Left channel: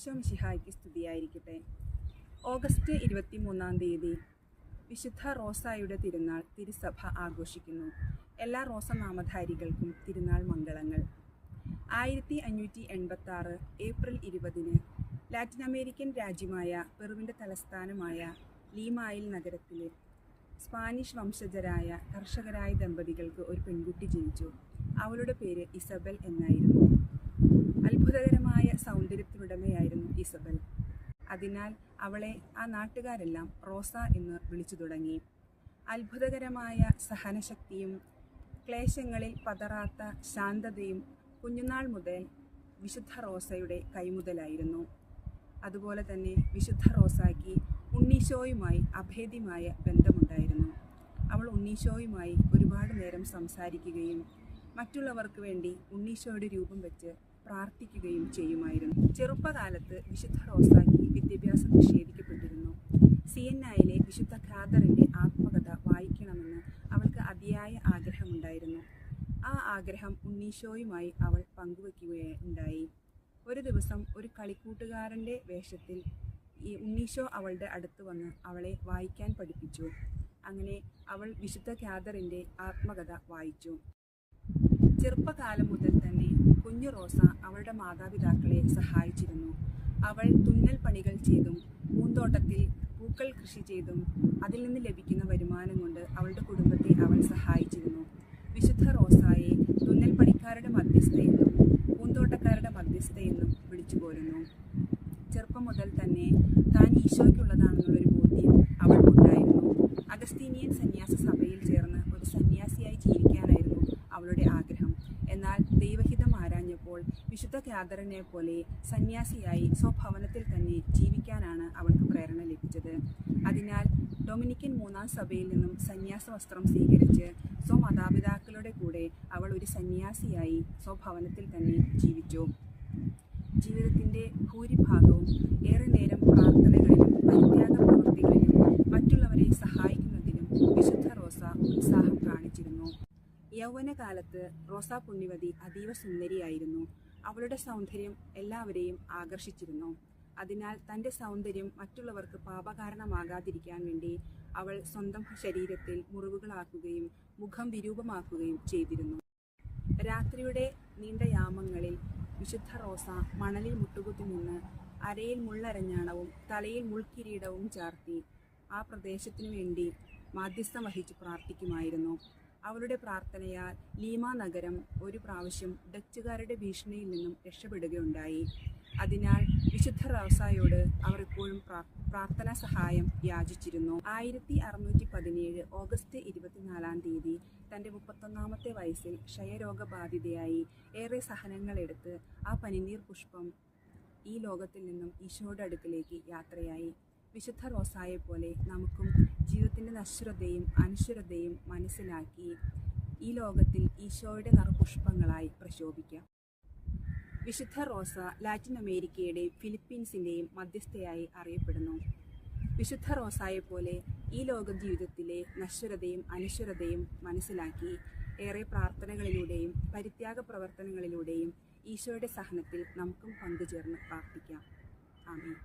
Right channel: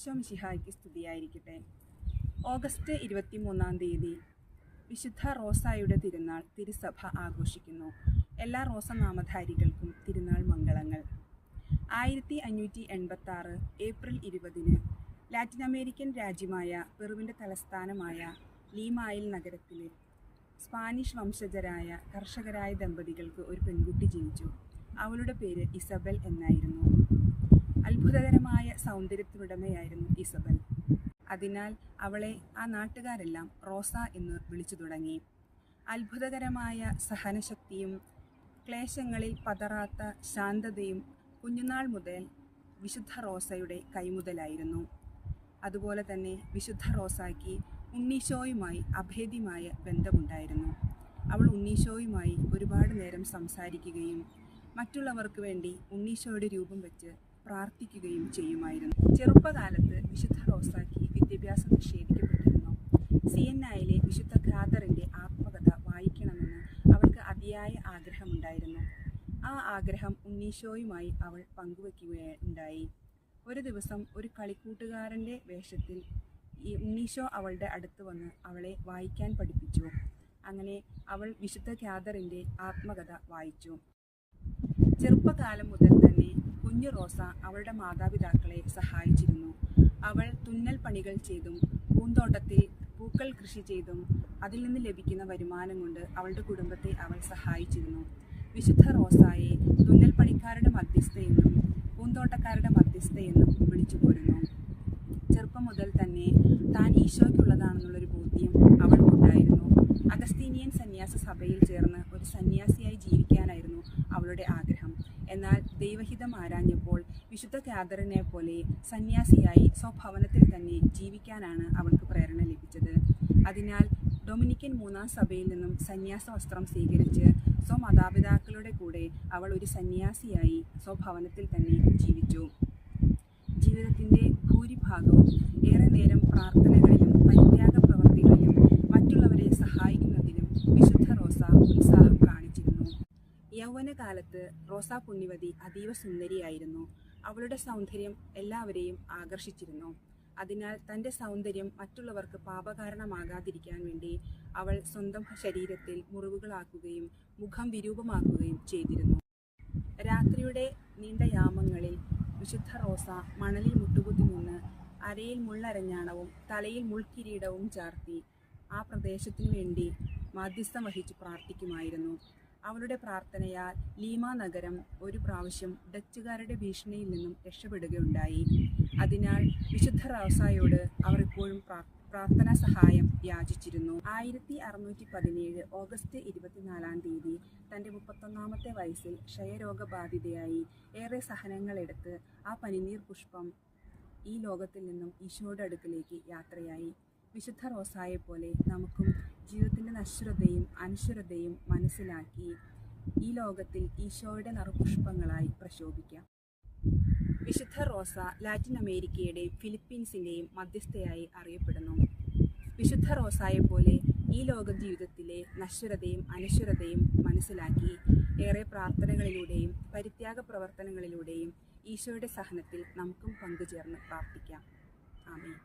ഈശോ മിശിഹായ്ക്ക് സ്തുതിയായിരിക്കട്ടെ. ഓഗസ്റ്റ് 23 വിശുദ്ധ റോസായുടെ തിരുനാൾ തിരുസഭ ആഘോഷിക്കുന്നു. എല്ലാ റോസ നാമധാരികൾക്കും തിരുനാൾ മംഗളങ്ങൾ. 1586 ഏപ്രിൽ 20 ലാറ്റിൻ അമേരിക്കൻ രാജ്യമായ പെറുവിൻ്റെ തലസ്ഥാനമായ ലീമായിൽ നഗരത്തിൽ സ്പാനിഷ് വംശജരായ കർഷകരായ ദമ്പതികൾക്ക് ഒരു പെൺകുട്ടി ജനിച്ചു. അവളുടെ പേര് ഇസബൽ എന്നായിരുന്നു. അത്ഭുതകരമായ സൗന്ദര്യത്തിനുടമയായിരുന്നു ഇസബൽ. അതിനാൽ അവളെ ആ നാട്ടുകാരെല്ലാം റോസ എന്ന് വിളിച്ചു തുടങ്ങി. അത്ഭുതകരമായ സഹനശക്തിയും ക്ലേശങ്ങളിൽ പതറാത്ത ശാന്തതയും കുഞ്ഞുനാൾ മുതൽ വിശുദ്ധ റോസയുടെ കൈമുതലായിരുന്നു. അതുപോലെ തന്നെ വിശുദ്ധ റോസായ്ക്ക് ഉണ്ണീശോയുമായി അഭേദ്യമായ ബന്ധമുണ്ടായിരുന്നു. അവൾ ഉണ്ണീശോയുമായി ഒരുപാട് നേരം സംസാരിക്കുകയും മറ്റുള്ളവർക്ക് വേണ്ടി ഉണ്ണീശോയുടെ രൂപം വെച്ച് പ്രാർത്ഥിക്കുകയും ചെയ്യുമായിരുന്നു. ചെറുപ്പകാലത്ത് വിശുദ്ധ റോസായ്ക്ക് വിദ്യാഭ്യാസം നിഷേധിക്കപ്പെട്ടിരുന്നു. സിയന്നായിലെ വിശുദ്ധ ഖാദറിൻ്റെ ആത്മകഥ വായിക്കണമെന്ന് അവൾക്ക് അതിയായ ആഗ്രഹമുണ്ടായിരുന്നു. ആ ആഗ്രഹം ഉണ്ണീശോയുമായി അവൾ പങ്കുവയ്ക്കുകയുണ്ടായി. ഒരു ദിവസം ഒരു കളിക്കൂട്ടുകാരൻ്റെ വേഷത്തിൽ ഈ ഉണ്ണീശോ അവളുടെ അടുത്ത് വന്ന് അവളെ വായിക്കാൻ പഠിപ്പിച്ചു. അങ്ങനെ അവൾ വിശുദ്ധ ഖാദറിൻ്റെ ആത്മകഥ വായിച്ചു. ചെറുപ്പകാലം മുതൽ തന്നെ കുഞ്ഞു റോസ അവളുടെ മാതാപിതാക്കളെ സഹായിച്ചിരുന്നു. അവൾ തുന്നൽ പണികൾ ചെയ്തും പൂന്തോട്ടത്തിൽ പൂക്കൾ കൃഷി ചെയ്തും അതിൽ നിന്ന് ലഭിക്കുന്ന വരുമാനം കൊണ്ട് അവളുടെ കുടുംബത്തെ അവൾ സഹായിച്ചിരുന്നു. വിശുദ്ധ റോസായെ തുന്നൽ പണിക്കാരുടെ മധ്യസ്ഥയെന്നും പൂന്തോട്ടക്കാരുടെ മധ്യസ്ഥയെന്നും വിളിച്ചു പോരുന്നു. ചെറുപ്പം മുതൽ തന്നെ താൻ ഈശോയ്ക്കുള്ളതാണെന്നുള്ളൊരു ബോധ്യം അവൾക്കുണ്ടായിരുന്നു. അഗസ്തീനിയൻ സന്യാസ സഭയിൽ ചേർന്ന് ഒരു സന്യാസിയായി ജീവിക്കാനായിരുന്നു അവളുടെ ആഗ്രഹം. എന്നാൽ ദൈവഹിതം ആരാഞ്ഞപ്പോൾ വിശുദ്ധ ഖാദറിനെ പോലെ സന്യാസിയായി സ്വഭവനത്തിൽ തന്നെ ജീവിക്കാനാണ് അവൾക്ക് പ്രേരണ ലഭിച്ചത്. അതിനാൽ ഡൊമിനിക്കൻ 3-ാം സഭയിൽ നിന്നും സന്യാസ വസ്ത്രം സ്വീകരിച്ച് സ്വമാതാപിതാക്കളുടെ കൂടെ അവൾ ഒരു സന്യാസിയായി സ്വഭവനത്തിൽ തന്നെ ജീവിച്ചു. ജീവിതത്തിൻ്റെ ഭൂരിഭാഗവും ഏറെ നേരം പ്രാർത്ഥനകളിലും പരിത്യാഗ പ്രവൃത്തികളിലും മറ്റുള്ളവരെ സഹായിക്കുന്നതിലും വിശുദ്ധ റോസ ഉത്സാഹം കാണിച്ചിരുന്നു. യൗവനകാലത്ത് റോസ പുണ്യവതി അതീവ സുന്ദരിയായിരുന്നു. അവളുടെ സൗന്ദര്യം എല്ലാവരെയും ആകർഷിച്ചിരുന്നു. അതിനാൽ തൻ്റെ സൗന്ദര്യം മറ്റുള്ളവർക്ക് പാപകാരണമാകാതിരിക്കാൻ വേണ്ടി അവൾ സ്വന്തം ശരീരത്തിൽ മുറിവുകളാക്കുകയും മുഖം വിരൂപമാക്കുകയും ചെയ്തിരുന്നു. രാത്രിയുടെ നീണ്ട യാമങ്ങളിൽ വിശുദ്ധ റോസ മണലിൽ മുട്ടുകുത്തി നിന്ന് അരയിൽ മുള്ളരഞ്ഞാണവും തലയിൽ മുൾക്കിരീടവും ചാർത്തി ആ പ്രദേശത്തിനു വേണ്ടി മാധ്യസ്ഥം വഹിച്ച് പ്രാർത്ഥിക്കുമായിരുന്നു. അവളുടെ പ്രാർത്ഥനയാൽ ലീമ നഗരം ഒരു പ്രാവശ്യം ഡച്ചുകാരുടെ ഭീഷണിയിൽ നിന്നും രക്ഷപ്പെടുകയുണ്ടായി. അതിനാൽ വിശുദ്ധ റോസായോട് അവർ എപ്പോഴും പ്രാർത്ഥനാ സഹായം യാചിച്ചിരുന്നു. 1617 ഓഗസ്റ്റ് 24 തൻ്റെ 31-ാമത്തെ വയസ്സിൽ ക്ഷയരോഗബാധിതയായി ഏറെ സഹനങ്ങളെടുത്ത് ആ പനിനീർ പുഷ്പം ഈ ലോകത്തിൽ നിന്നും ഈശോയുടെ അടുക്കിലേക്ക് യാത്രയായി. വിശുദ്ധ റോസായെപ്പോലെ നമുക്കും ജീവിതത്തിൻ്റെ നശ്വരതയും അനശ്വരതയും മനസ്സിലാക്കി ഈ ലോകത്തിൽ ഈശോയുടെ നറുപുഷ്പങ്ങളായി പ്രശോഭിക്കാം. വിശുദ്ധ റോസ ലാറ്റിൻ അമേരിക്കയുടെയും ഫിലിപ്പീൻസിൻ്റെയും മധ്യസ്ഥയായി അറിയപ്പെടുന്നു. വിശുദ്ധ റോസായെപ്പോലെ ഈ ലോക ജീവിതത്തിലെ നശ്വരതയും അനശ്വരതയും മനസ്സിലാക്കി ഏറെ പ്രാർത്ഥനകളിലൂടെയും പരിത്യാഗ പ്രവർത്തനങ്ങളിലൂടെയും ഈശോയുടെ സഹനത്തിൽ നമുക്കും പങ്കുചേർന്ന് പ്രാർത്ഥിക്കാം. ആമേൻ.